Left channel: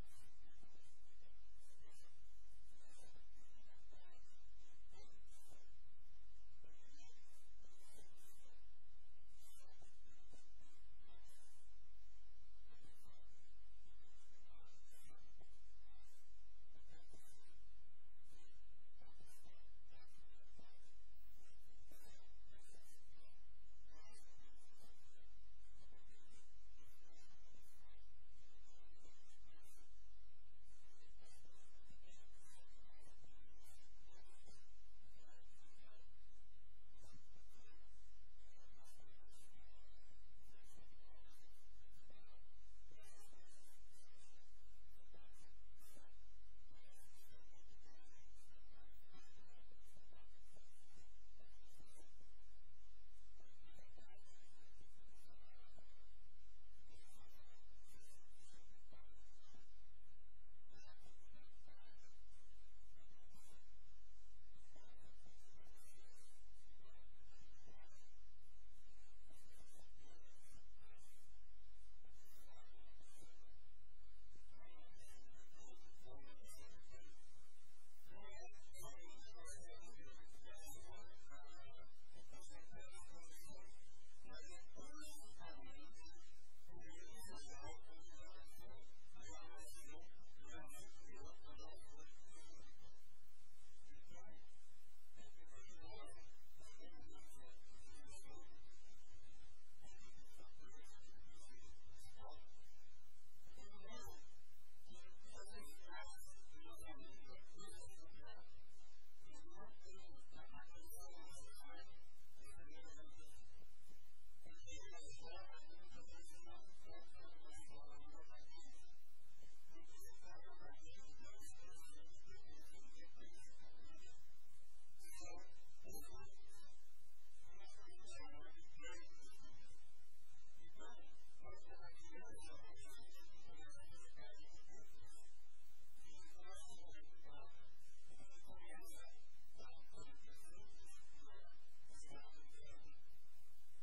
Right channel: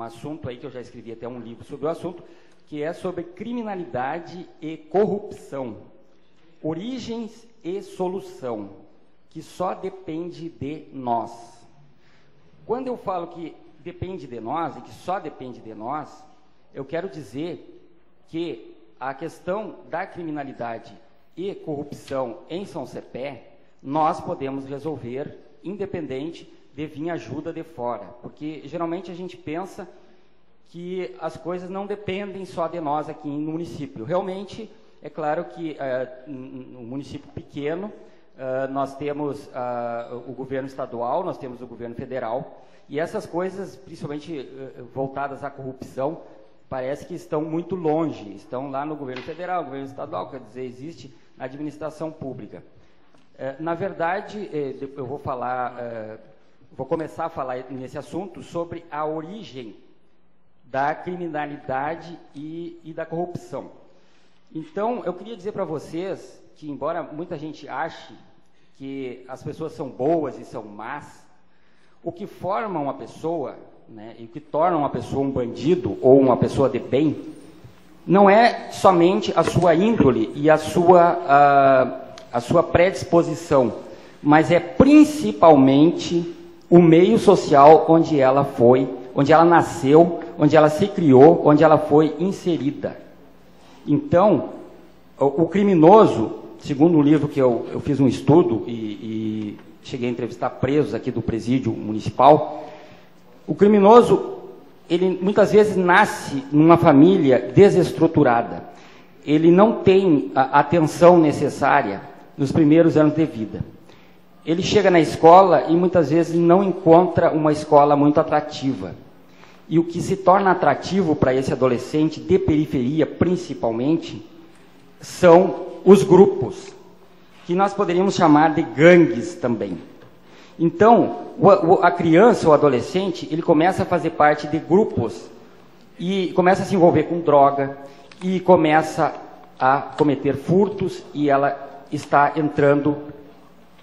um assunto aí que eu já escrevi até um livro sobre o assunto, que é sobre criminalidade e corrupção, origens e solução, que só depende de nós. Quando eu falo que depende de nós e que só depende de nós, eu quero dizer que a questão da criminalidade e corrupção em São Cepé, nós podemos resolver independente de vir ajuda de fora, porque geralmente a gente pensa que as coisas não dependem só de nós aqui no município. Realmente, é claro que no município pequeno, nós temos o governo estadual, nós temos o governo federal, e essas coisas, principalmente voltadas à corrupção, parece que estão muito longe, estão lá no governo federal, governo estadual, quer dizer, existe na administração pública. Na verdade, eu vou vou começar a falar nesse assunto sobre a origem da criminalidade e da corrupção. Então, eu queria dizer para vocês que, embora muita gente ache que as pessoas são boas e são más, o que forma uma pessoa, né, e o que torna uma pessoa um bandido ou uma pessoa de bem, não é somente a sua índole e a sua predisposição, mas é principalmente o meio social onde ela foi, onde ela nasceu, onde ela se criou, onde ela foi inserida. Então, o criminoso, segundo um livro que eu fiz um estudo e cheguei a entrevistar presos aqui do presídio municipal, o criminoso, ele muitas vezes nasce numa família desestruturada. Ele não tem a atenção necessária nos primeiros anos de vida. Ele chega na escola e muitas vezes não encontra uma escola muito atrativa. E o que se torna atrativo para esse adolescente de periferia, principalmente, são os grupos, que nós poderíamos chamar de gangues também. Então, a criança ou adolescente, ele começa a fazer parte de grupos e começa a se envolver com droga e começa a cometer furtos, e ela está entrando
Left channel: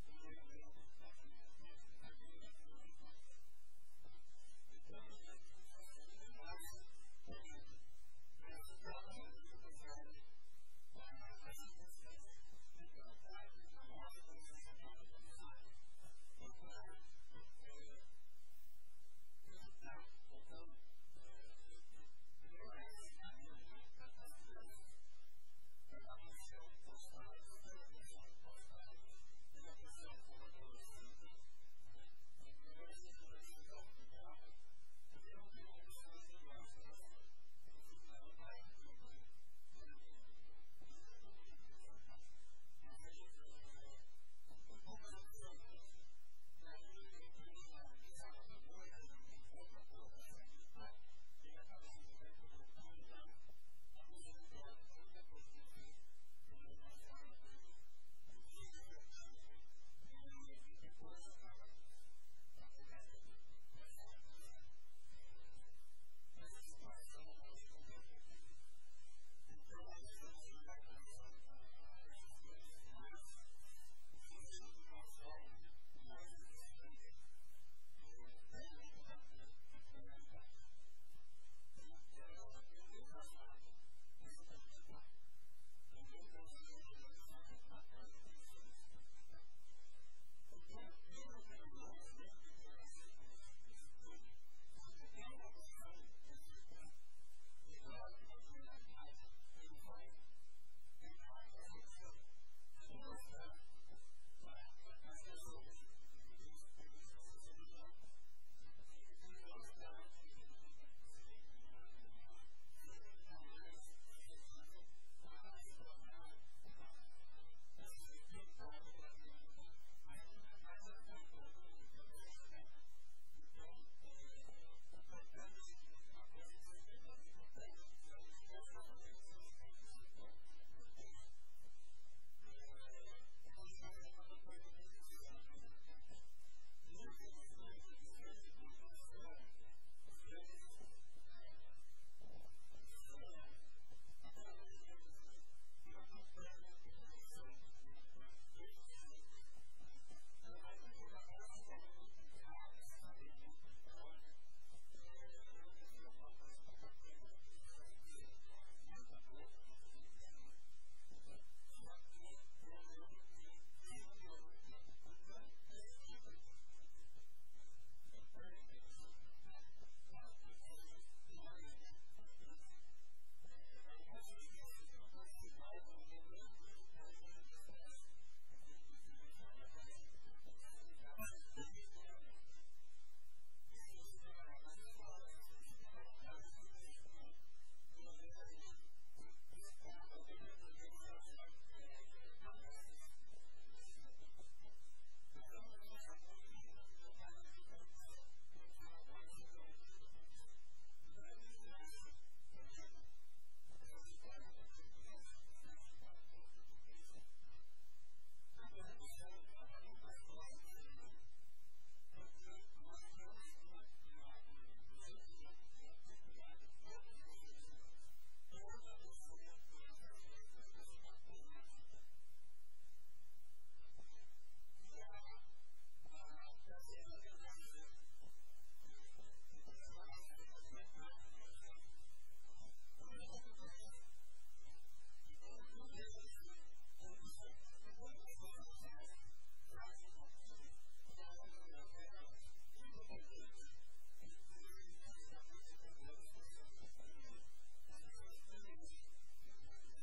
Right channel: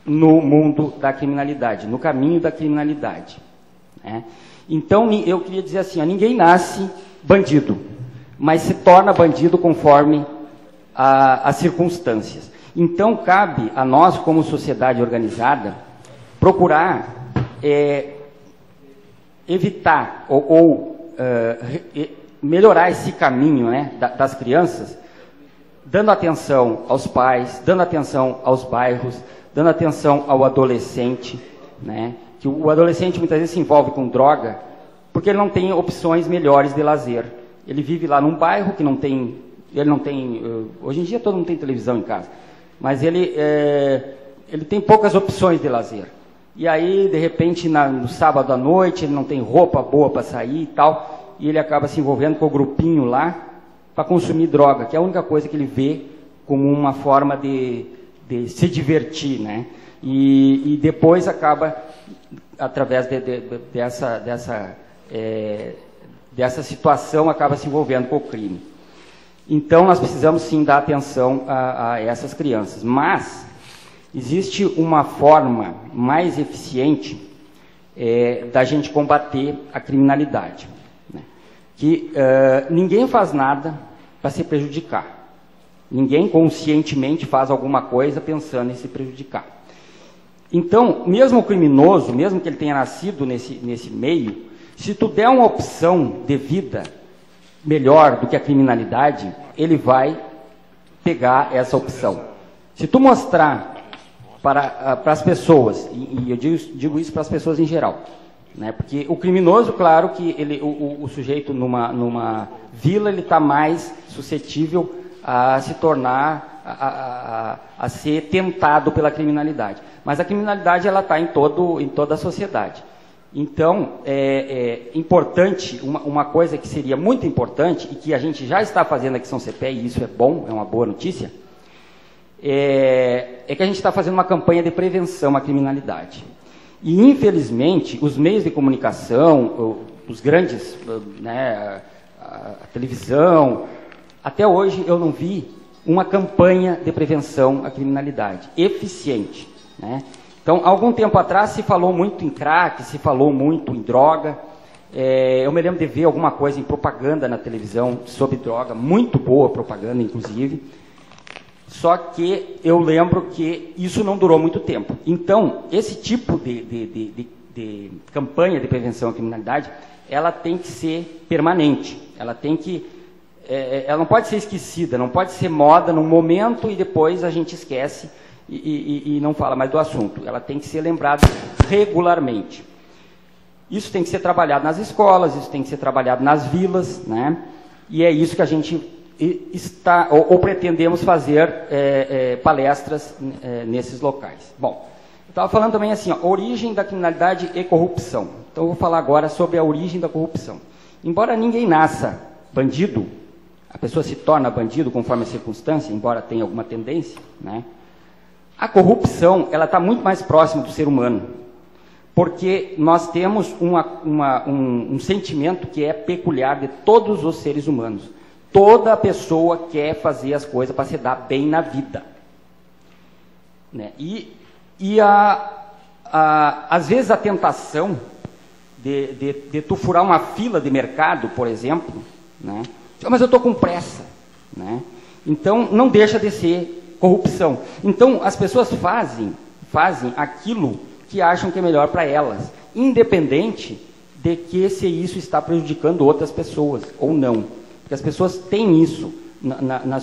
no mundo da criminalidade, no caminho da criminalidade, né? Então, eu queria dizer assim, ninguém nasce bandido, mas se torna bandido conforme as circunstâncias. Então, cabe a nós, como sociedade organizada, procurar evitar ou melhorar esse caminho, né, das crianças, dando atenção aos pais, dando atenção aos bairros, dando atenção ao adolescente, né? Que o adolescente muitas vezes se envolve com droga porque ele não tem opções melhores de lazer. Ele vive lá num bairro que hoje em dia todo mundo tem televisão em casa, mas ele tem poucas opções de lazer. E aí, de repente, no sábado à noite, ele não tem roupa boa para sair e tal, e ele acaba se envolvendo com o grupinho lá para consumir droga, que é a única coisa que ele vê como uma forma de se divertir, né? E depois acaba, através dessa situação, acaba se envolvendo com o crime. Então, nós precisamos sim dar atenção a essas crianças. Mas existe uma forma mais eficiente da gente combater a criminalidade, né? Que ninguém faz nada para se prejudicar. Ninguém conscientemente faz alguma coisa pensando em se prejudicar. Então, mesmo o criminoso, mesmo que ele tenha nascido nesse meio, se tu der uma opção de vida melhor do que a criminalidade, ele vai pegar essa opção. Se tu mostrar para as pessoas, e eu digo isso para as pessoas em geral, né? Porque o criminoso, claro que o sujeito numa vila, ele está mais suscetível a se tornar, a ser tentado pela criminalidade. Mas a criminalidade, ela está em toda a sociedade. Então, é importante, uma coisa que seria muito importante, e que a gente já está fazendo aqui em São Cepé, e isso é bom, é uma boa notícia, é que a gente está fazendo uma campanha de prevenção à criminalidade. E, infelizmente, os meios de comunicação, os grandes, né, a televisão, até hoje eu não vi uma campanha de prevenção à criminalidade eficiente, né? Então, há algum tempo atrás se falou muito em crack, se falou muito em droga, Eu me lembro de ver alguma coisa em propaganda na televisão sobre droga, muito boa propaganda, inclusive. Só que eu lembro que isso não durou muito tempo. Então, esse tipo de campanha de prevenção à criminalidade, ela tem que ser permanente. Ela não pode ser esquecida, não pode ser moda num momento e depois a gente esquece e não fala mais do assunto. Ela tem que ser lembrada regularmente. Isso tem que ser trabalhado nas escolas, isso tem que ser trabalhado nas vilas, né? E é isso que a gente está, ou pretendemos fazer palestras nesses locais. Bom, eu estava falando também assim, ó, origem da criminalidade e corrupção. Então eu vou falar agora sobre a origem da corrupção. Embora ninguém nasça bandido, a pessoa se torna bandido conforme a circunstância, embora tenha alguma tendência, né? A corrupção, ela está muito mais próxima do ser humano, porque nós temos um sentimento que é peculiar de todos os seres humanos. Toda pessoa quer fazer as coisas para se dar bem na vida, né? Às vezes a tentação de tu furar uma fila de mercado, por exemplo, né? Mas eu estou com pressa, né? Então não deixa de ser corrupção. Então as pessoas fazem aquilo que acham que é melhor para elas, independente de que se isso está prejudicando outras pessoas ou não. Porque as pessoas têm isso na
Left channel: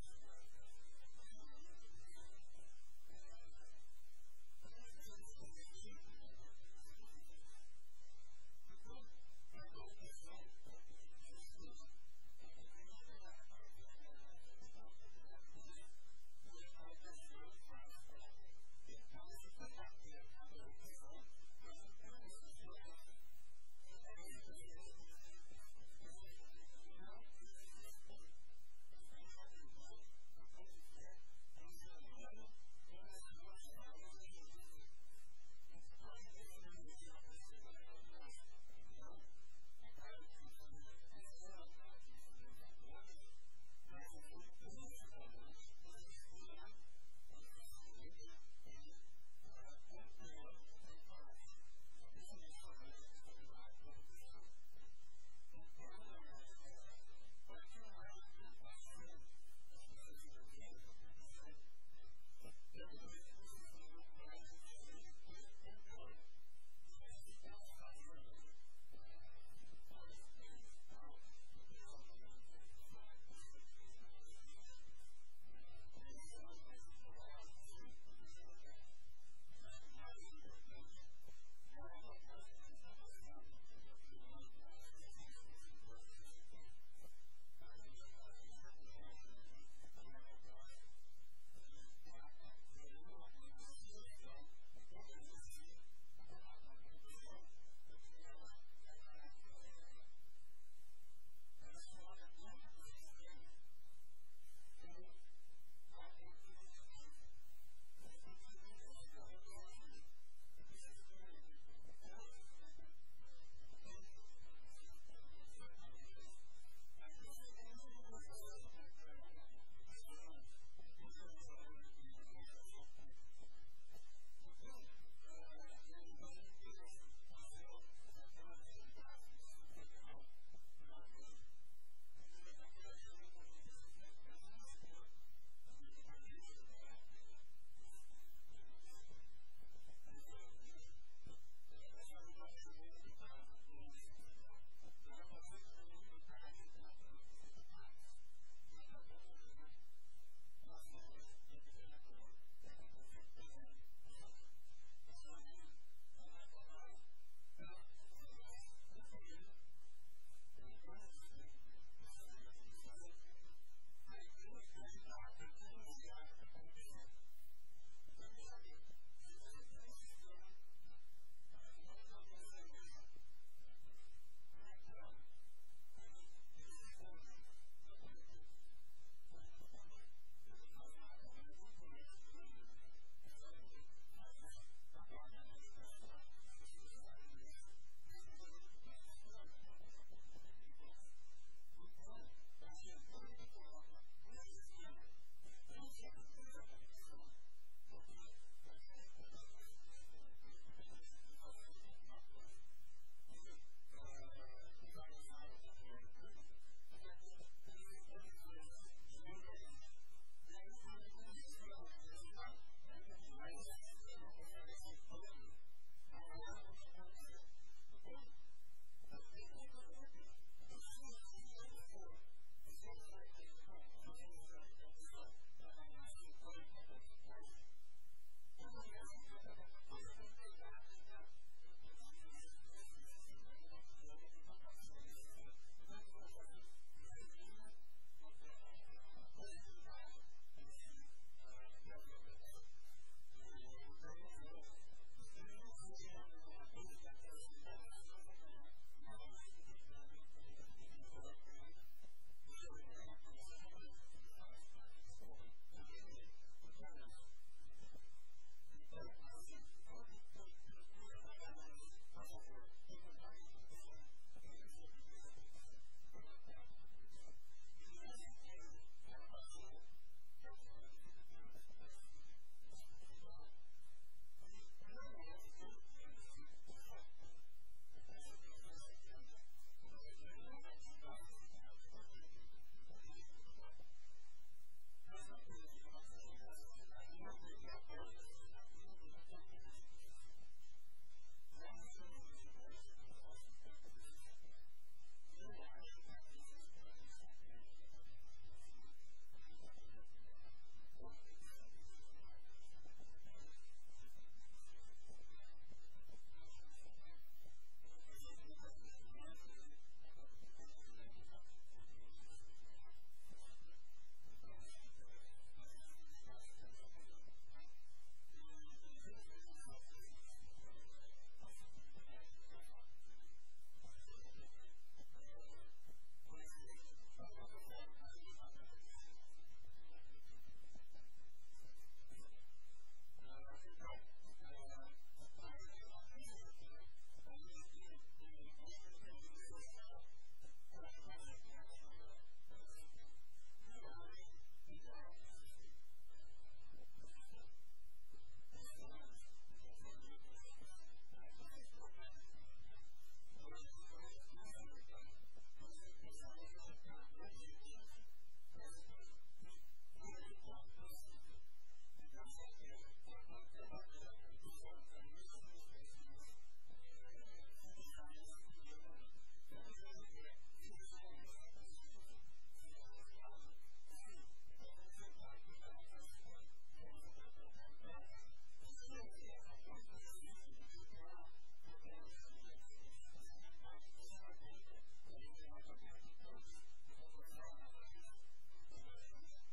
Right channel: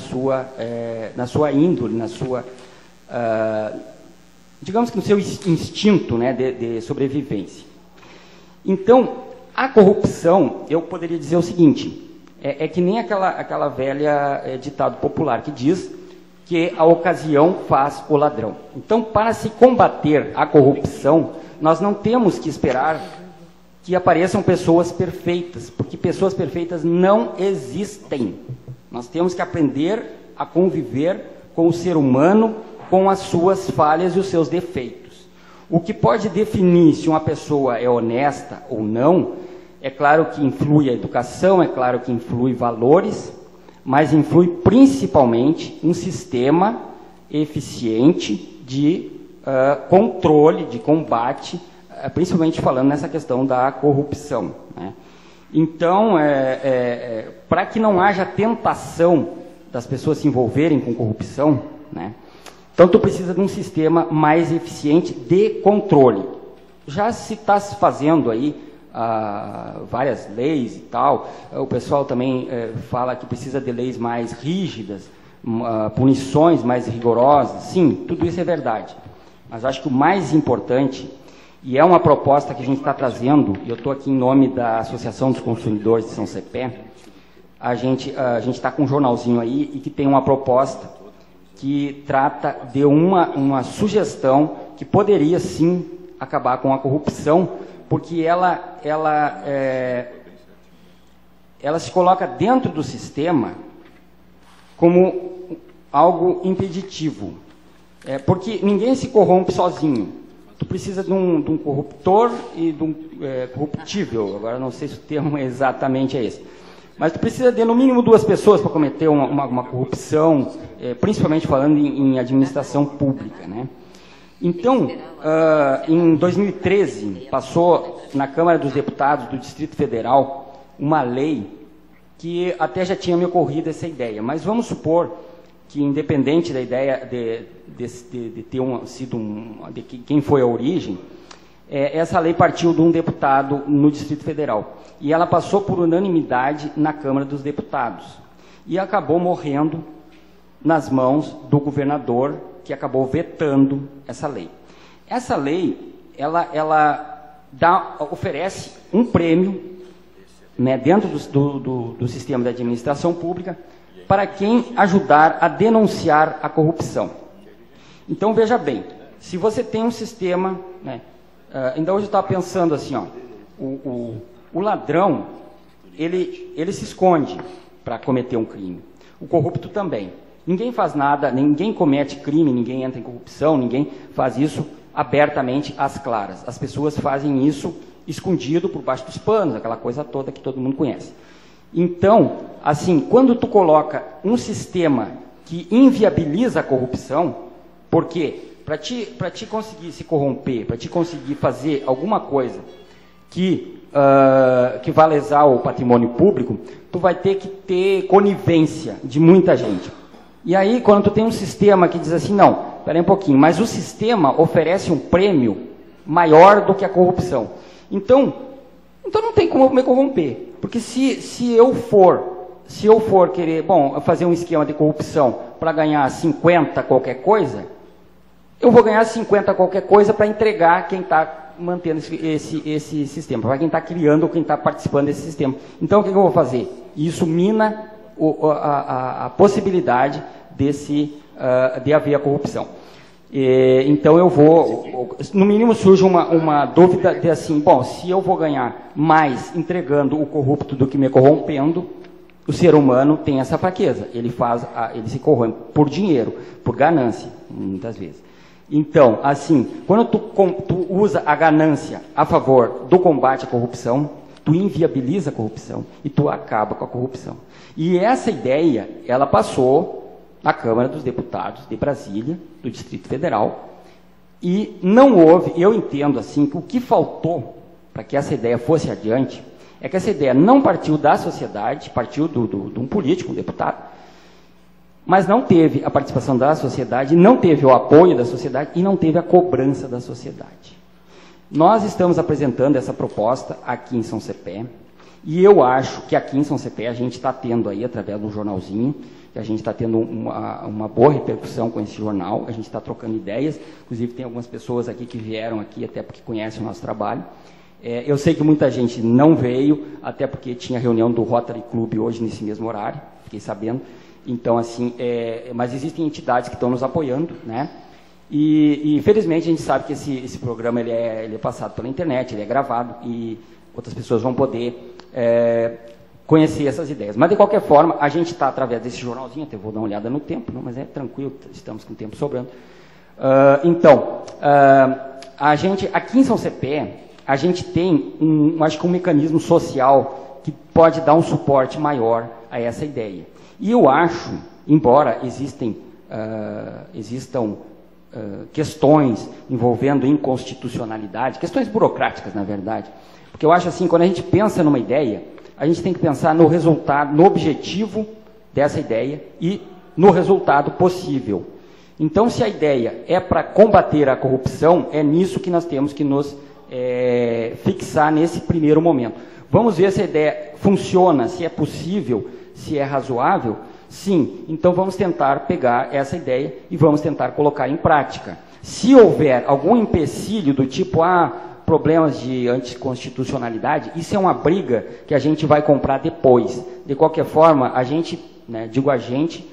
sua índole, digamos que no seu instinto, né, de sobrevivência. Então, a corrupção, eu poderia dizer o seguinte, é que nem aquela velha ditado popular que diz que a ocasião faz o ladrão. Então, para se combater a corrupção, nós não temos que esperar que apareçam pessoas perfeitas, porque pessoas perfeitas não existem. Nós temos que aprender a conviver com o ser humano, com as suas falhas e os seus defeitos. O que pode definir se uma pessoa é honesta ou não, é claro que influi a educação, é claro que influi valores, mas influi principalmente um sistema eficiente de controle, de combate, principalmente falando nessa questão da corrupção, né? Então, para que não haja tentação das pessoas se envolverem com corrupção, né? Então tu precisa de um sistema mais eficiente de controle. Já se está se fazendo aí várias leis e tal, o pessoal também fala que precisa de leis mais rígidas, punições mais rigorosas. Sim, tudo isso é verdade, mas acho que o mais importante, e é uma proposta que a gente está trazendo, e eu estou aqui em nome da Associação dos Consumidores de São Cepé, a gente está com um jornalzinho aí e que tem uma proposta que trata de uma sugestão que poderia sim acabar com a corrupção, porque ela se coloca dentro do sistema como algo impeditivo, porque ninguém se corrompe sozinho. Tu precisa de um corruptor e de um corruptível, agora não sei se o termo exatamente é esse, mas tu precisa de no mínimo 2 pessoas para cometer uma corrupção, principalmente falando em administração pública, né? Então, em 2013, passou na Câmara dos Deputados do Distrito Federal uma lei que até já tinha me ocorrido essa ideia, mas vamos supor que, independente da ideia de ter sido de quem foi a origem, essa lei partiu de um deputado no Distrito Federal, e ela passou por unanimidade na Câmara dos Deputados, e acabou morrendo nas mãos do governador, que acabou vetando essa lei. Essa lei, ela oferece um prêmio, né, dentro do sistema de administração pública, para quem ajudar a denunciar a corrupção. Então, veja bem, se você tem um sistema, né, ainda hoje eu estava pensando assim, ó, o ladrão, ele se esconde para cometer um crime. O corrupto também. Ninguém faz nada, ninguém comete crime, ninguém entra em corrupção, ninguém faz isso abertamente às claras. As pessoas fazem isso escondido por baixo dos panos, aquela coisa toda que todo mundo conhece. Então, assim, quando tu coloca um sistema que inviabiliza a corrupção, porque para ti conseguir se corromper, para ti conseguir fazer alguma coisa que que vai lesar o patrimônio público, tu vai ter que ter conivência de muita gente. E aí, quando tu tem um sistema que diz assim, não, peraí um pouquinho, mas o sistema oferece um prêmio maior do que a corrupção. Então não tem como eu me corromper. Porque se eu for querer, bom, fazer um esquema de corrupção para ganhar 50 qualquer coisa, eu vou ganhar 50 qualquer coisa para entregar quem está mantendo esse sistema, para quem está criando ou quem está participando desse sistema. Então, o que eu vou fazer? Isso mina a possibilidade de haver a corrupção. Então, eu vou, no mínimo surge uma dúvida de assim, bom, se eu vou ganhar mais entregando o corrupto do que me corrompendo, o ser humano tem essa fraqueza, ele se corrompe por dinheiro, por ganância, muitas vezes. Então, assim, quando tu usa a ganância a favor do combate à corrupção, tu inviabiliza a corrupção e tu acaba com a corrupção. E essa ideia, ela passou na Câmara dos Deputados de Brasília, do Distrito Federal, e não houve, eu entendo assim, que o que faltou para que essa ideia fosse adiante, é que essa ideia não partiu da sociedade, partiu de um político, um deputado, mas não teve a participação da sociedade, não teve o apoio da sociedade e não teve a cobrança da sociedade. Nós estamos apresentando essa proposta aqui em São Cepé, e eu acho que aqui em São Cepé a gente está tendo aí, através de um jornalzinho, que a gente está tendo uma boa repercussão com esse jornal, a gente está trocando ideias, inclusive tem algumas pessoas aqui que vieram aqui, até porque conhecem o nosso trabalho. Eu sei que muita gente não veio, até porque tinha reunião do Rotary Club hoje nesse mesmo horário, fiquei sabendo. Então, assim, mas existem entidades que estão nos apoiando, né? E infelizmente a gente sabe que esse programa ele é passado pela internet, ele é gravado e outras pessoas vão poder conhecer essas ideias. Mas de qualquer forma, a gente está através desse jornalzinho, até vou dar uma olhada no tempo, não, mas é tranquilo, estamos com o tempo sobrando. A gente, aqui em São Cepé, a gente tem acho que um mecanismo social que pode dar um suporte maior a essa ideia. E eu acho, embora existam questões envolvendo inconstitucionalidade, questões burocráticas, na verdade, porque eu acho assim, quando a gente pensa numa ideia, a gente tem que pensar no resultado, no objetivo dessa ideia e no resultado possível. Então, se a ideia é para combater a corrupção, é nisso que nós temos que nos fixar nesse primeiro momento. Vamos ver se a ideia funciona, se é possível, se é razoável. Sim, então vamos tentar pegar essa ideia e vamos tentar colocar em prática. Se houver algum empecilho do tipo, problemas de anticonstitucionalidade, isso é uma briga que a gente vai comprar depois. De qualquer forma, a gente, digo a gente,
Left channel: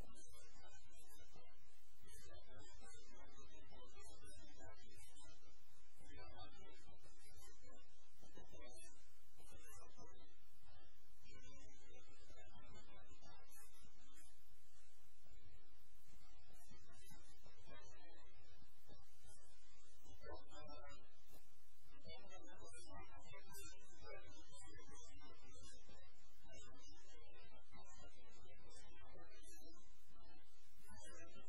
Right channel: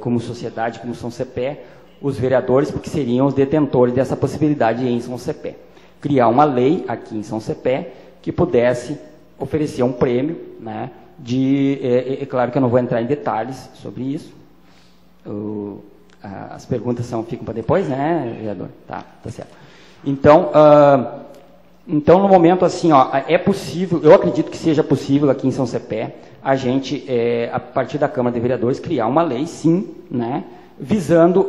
como sociedade, como São Cepé, os vereadores, porque seriam os detentores dessa possibilidade em São Cepé. Criar uma lei aqui em São Cepé que pudesse oferecer um prêmio, né? É claro que eu não vou entrar em detalhes sobre isso. As perguntas ficam para depois, né, vereador? Tá certo. Então, no momento assim, é possível, eu acredito que seja possível aqui em São Cepé, a gente, a partir da Câmara de Vereadores, criar uma lei, sim, né, visando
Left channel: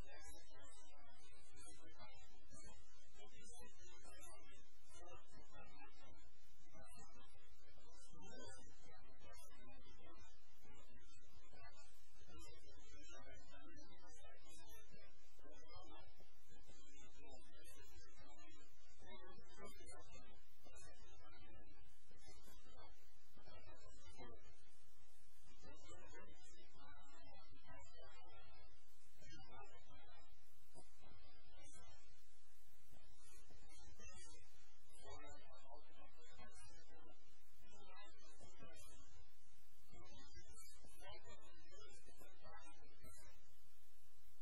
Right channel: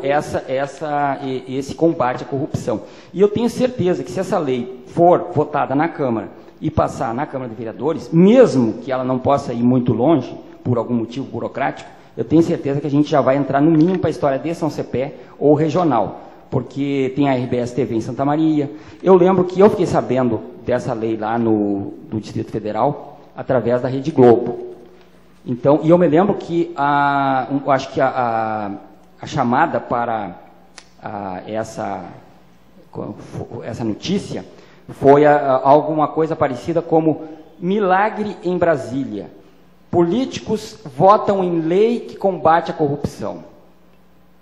esse combate à corrupção. E eu tenho certeza que se essa lei for votada na Câmara e passar na Câmara de Vereadores, mesmo que ela não possa ir muito longe, por algum motivo burocrático, eu tenho certeza que a gente já vai entrar no mínimo para a história de São Cepé ou regional, porque tem a RBS TV em Santa Maria. Eu lembro que eu fiquei sabendo dessa lei lá no Distrito Federal, através da Rede Globo. Então, e eu me lembro que acho que a chamada para essa notícia foi alguma coisa parecida como milagre em Brasília. Políticos votam em lei que combate a corrupção.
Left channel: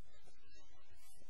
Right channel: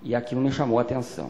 E aquilo me chamou a atenção.